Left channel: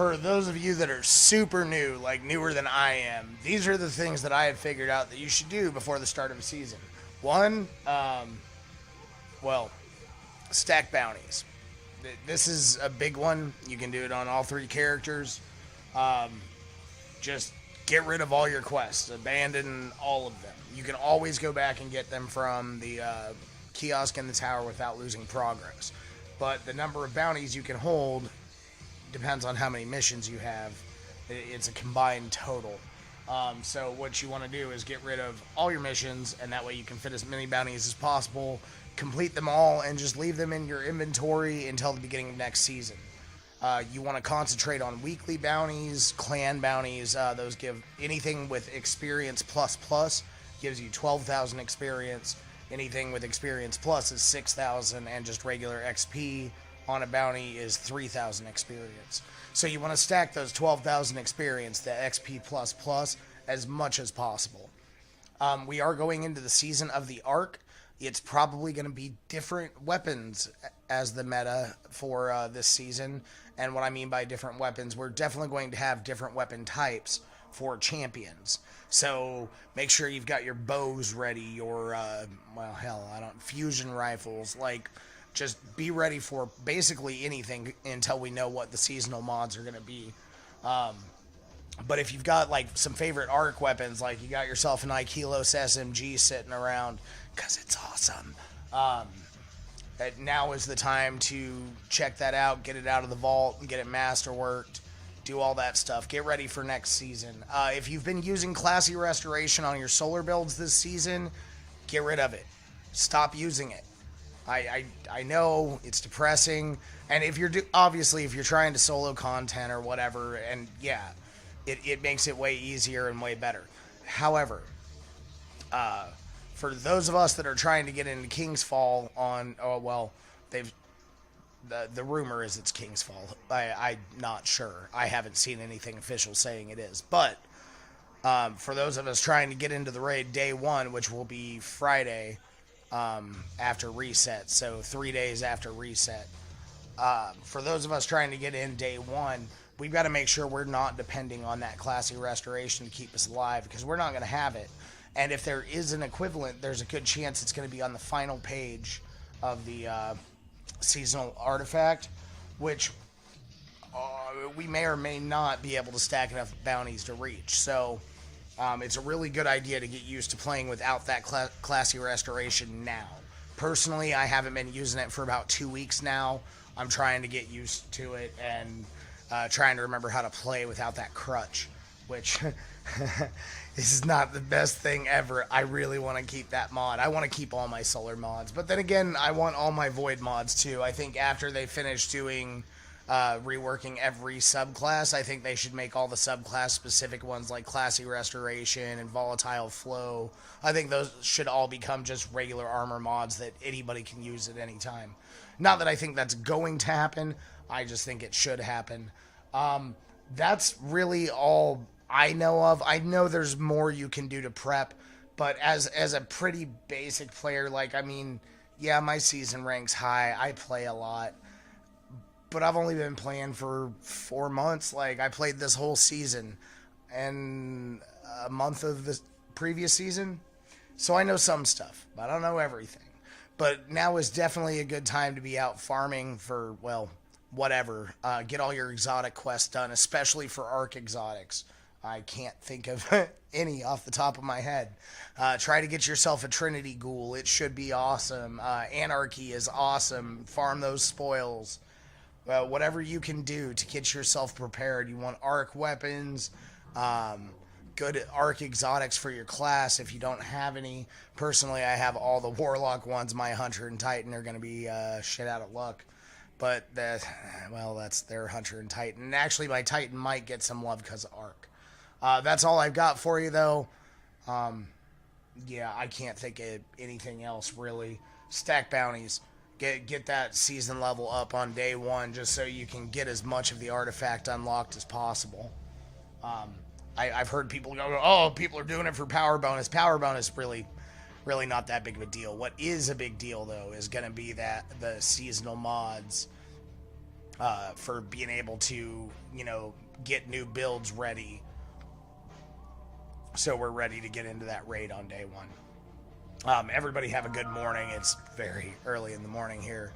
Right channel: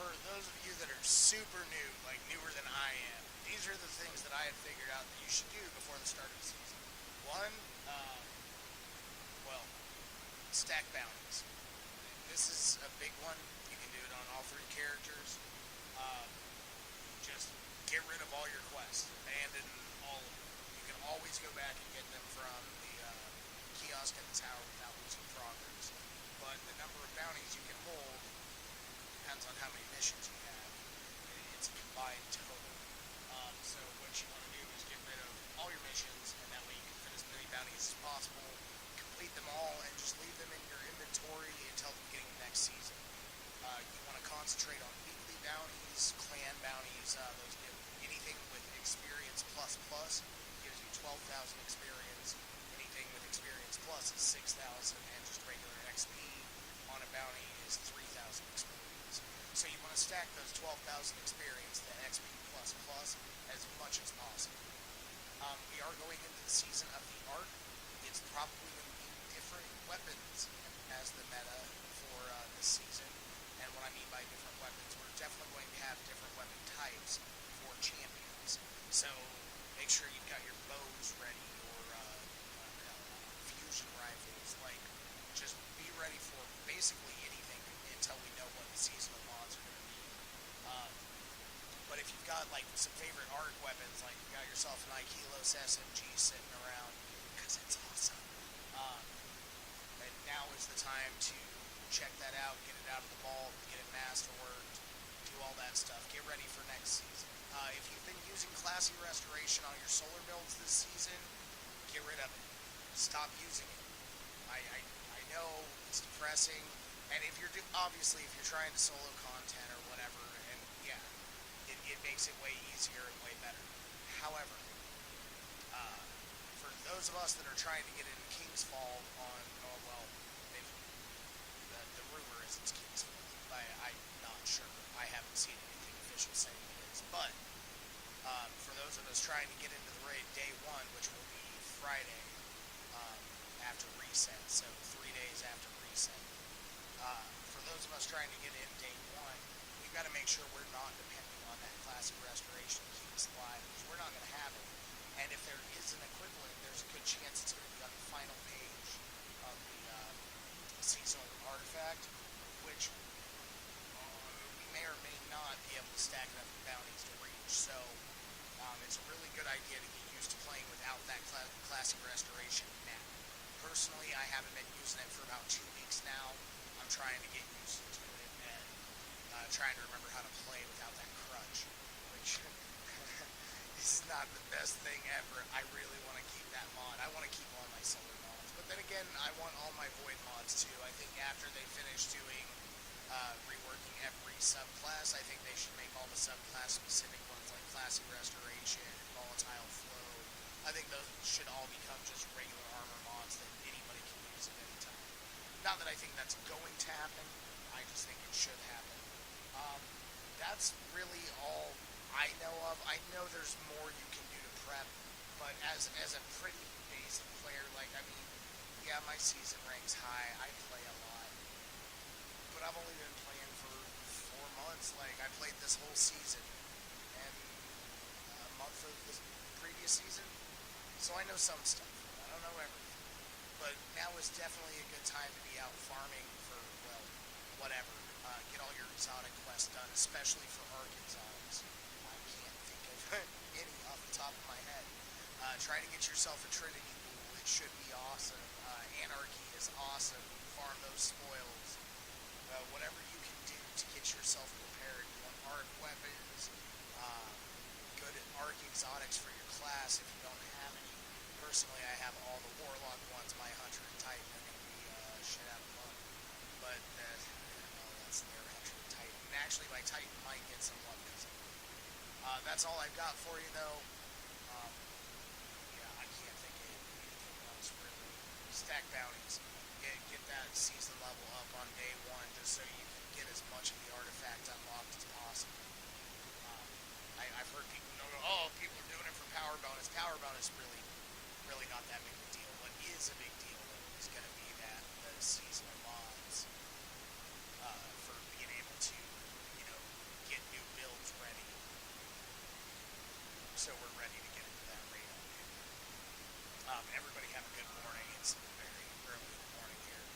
For those of you that are super new, like newer than I am, these are the things that I have figured out that you should do before the start of a season. One, well, stack bounties. This is a big one. You can do it on all three characters. Um, just get rid of all your quests, abandon all of them. You can always go back and get them from the kiosk in the tower without losing progress. But the number of bounties you can hold depends on how many missions you have. It's a combined total. So what you want to do is get rid of all your missions, and that way you can fit as many bounties as possible, complete them all, and just leave them in your inventory until the beginning of next season. You want to concentrate on weekly bounties, clan bounties. Those give anything with experience plus plus gives you 12,000 experience. Anything with experience plus is 6,000, and just regular XP on a bounty is 3,000 experience. So you want to stack those 12,000 experience, the XP plus plus, as much as possible. We are going into the season of the Arc. It's probably going to be different weapons as the meta for this season. And what I mean by different weapons, we're definitely going to have different weapon types for champions. So make sure you've got your bows ready, your, fusion rifles. Like, just be ready for basically anything until we know what the seasonal mods are going to be. But if you've got, like, some favorite Arc weapons, like you got yourself an Ikilos SMG sitting around, because it's awesome, now is the time to check that out, get it out of the vault, get it masterworked, do all that stuff. Get ready for next season. If you've been using Classy Restoration on your solar builds this season, get rid of it. Stop using it. I know it's depressing, and if you're obviously if you're trying to solo content or whatever, and yeah, it makes it way easier and way better. However, for those of us that are trying to get into King's Fall the rumor is it's King's Fall. I'm not sure. I haven't seen anything official saying it is. But for those of us trying to get into the raid day one, which will be Friday after reset, so 3 days after reset. For those of us trying to get in day one, we've got to make sure we're not depending on that Classy Restoration to keep us alive, because we're not going to have it. And if there is an equivalent, there's a good chance it's going to be on the final page of the seasonal artifact, which we may or may not be able to stack enough bounties to reach. So it's a really good idea to get used to playing without that Classy Restoration now. Personally, I haven't been using it for about 2 weeks now. I'm trying to get used to it and trying to remember how to play without that crutch, which this is not the best thing ever. I really want to keep that mod. I want to keep all my solar mods. But then again, I want all my void mods too. I think after they finish doing reworking every subclass, I think they should make all the subclass specific ones like Classy Restoration and Volatile Flow. I think those should all become just regular armor mods that anybody can use at any time. Not that I think that's going to happen. I just think it should happen. That's really all I know of. I know there's more you can do to prep, but as a pretty basic player, like, I mean, yeah, my season rank's high. I play a lot, but I've only been playing for 4 months. Like, I played this whole season and a month of the previous season, so I know some stuff. I don't know everything, but now is definitely a good time to be out farming for, well, whatever. Get all your exotic quests done, especially for Arc exotics. I can't think of any off the top of my head. Try to get yourself a Trinity Ghoul. It should be awesome. Anarchy is awesome. Farm those spoils. Whatever you can do to get yourself prepared. You want Arc weapons, good Arc exotics for your class if you don't have any. Personally, I have all the Warlock ones. My Hunter and Titan are going to be shit out of luck. But, that's their Hunter and Titan. And actually, my Titan might get some love because of Arc. That's all I've got for you, though. I can't think of anything else, really. Stack bounties. Get that season level up on day one just so you can get as much of the artifact unlocked as possible. I've heard people go, oh, people are doing it for power bonus. Power bonus, really not that big of a deal. What is a big deal, though, is going to be that the seasonal mods for being able to, get new builds ready. So we're ready to get into that raid on day one. Everybody have a good morning. It's very early in the morning here.